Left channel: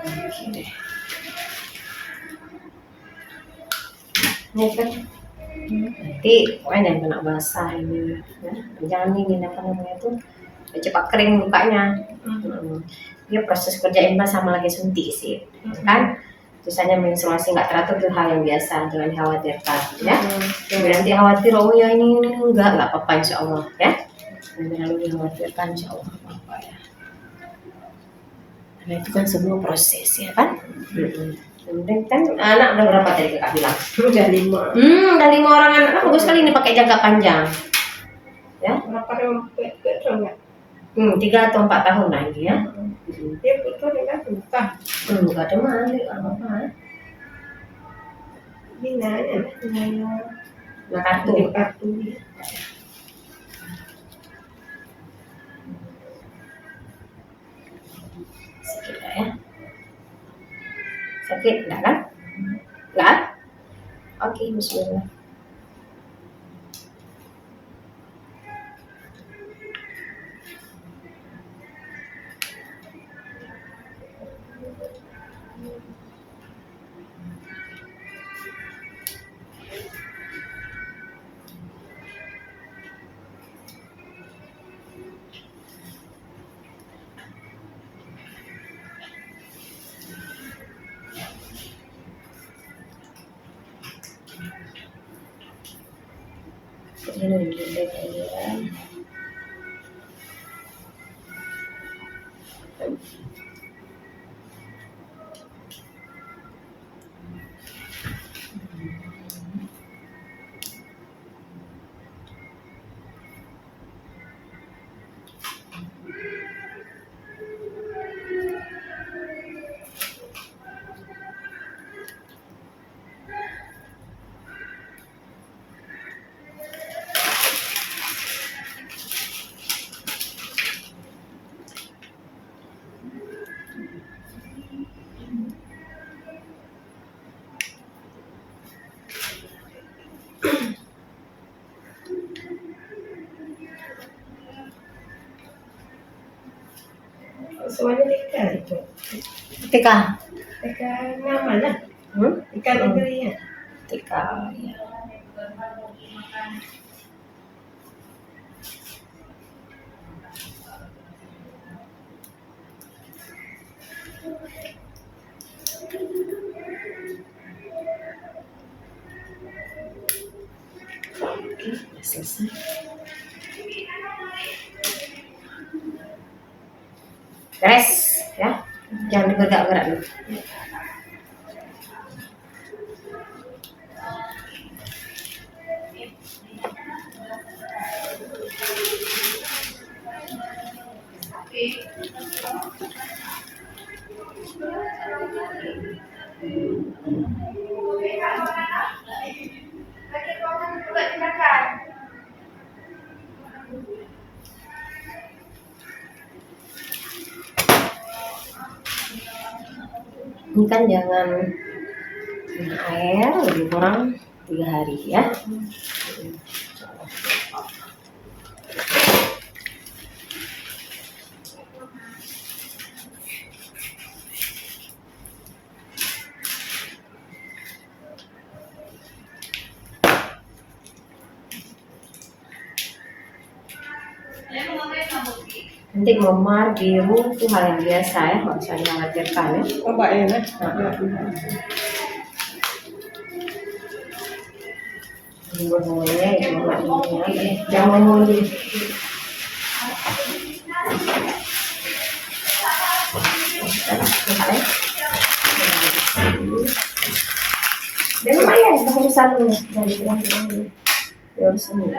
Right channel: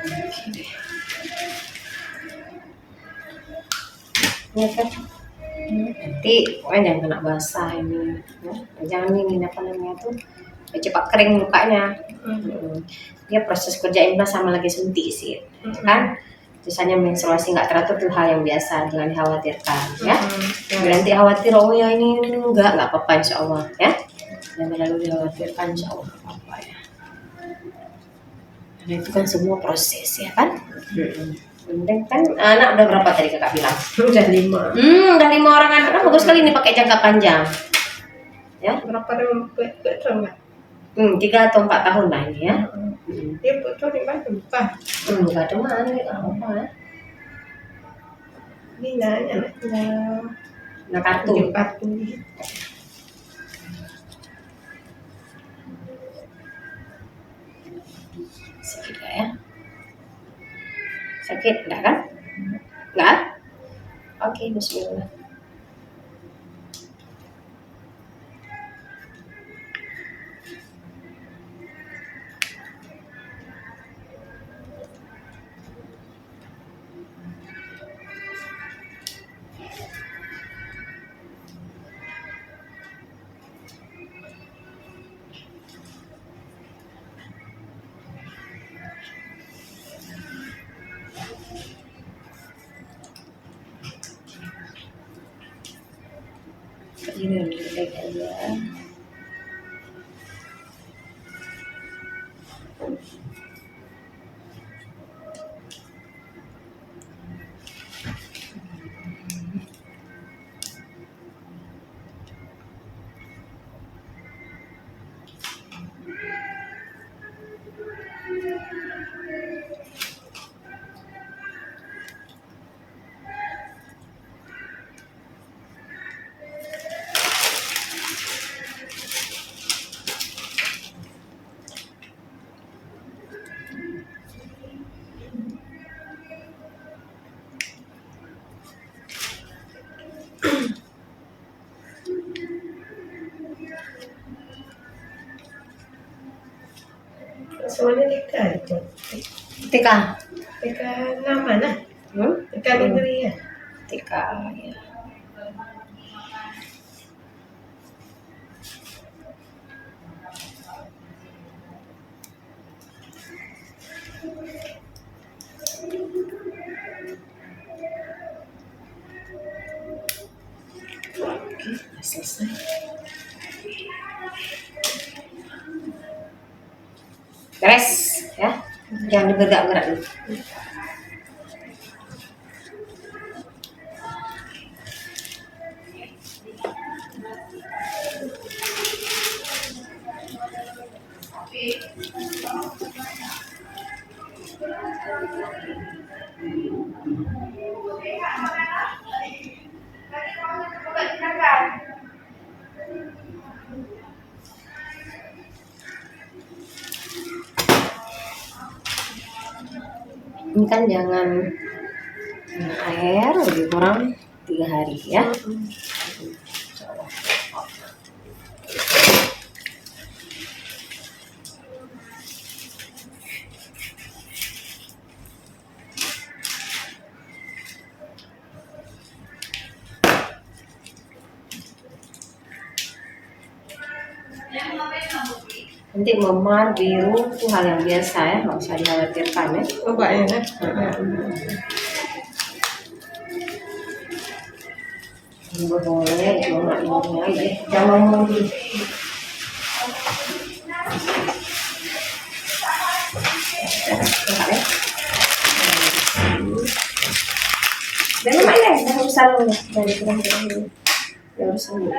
Oke deh. Ini kan nanti pokoknya jangan kena basah ini ya. Jangan ini apa namanya tuh cepat kering lukanya. Dia proses kerja implan sama lagi suntik sih kan. Misalnya menstruasi nggak teratur itu hal yang biasa, jangan dikhawatirkan ya. Nanti khawatir oh ya ini nggak apa-apa insya Allah ya. Jangan terlalu dikhawatirkan insya Allah apa-apa ya. Karena itu kan semua proses ya kan. Kemudian kan anak udah berapa tadi kakak bilang? Udah 5. Udah 5 orang anak. Nah, bagus sekali ini pakai jangka panjang. Ya. Berapa tahun? 3 atau 4 tahun lah ini ya. Dia betul di mana buka? Buka cuman nggak apa-apa. Ini nanya Nah kartu. Sakit nggak ya? Sakit enggak kan? Enggak? Oke, bismillah. Ini lembek aja. Semuanya TK itu. TK nama lah. TK negeri ya. TK ya. Oke, selesai. Beres ya, jangan digerak-gerak dulu. Ini kan jangan kena air lebih kurang 3 hari ya. Nanti memar biru itu hal yang biasa ya, nggak usah dikhawatirkan ya. Coba ya nah. Boleh ya, nggak ini aja. Jangan mau di. Dan lumayan, dah harus salon ya dari kurang-kurang ya harus salon.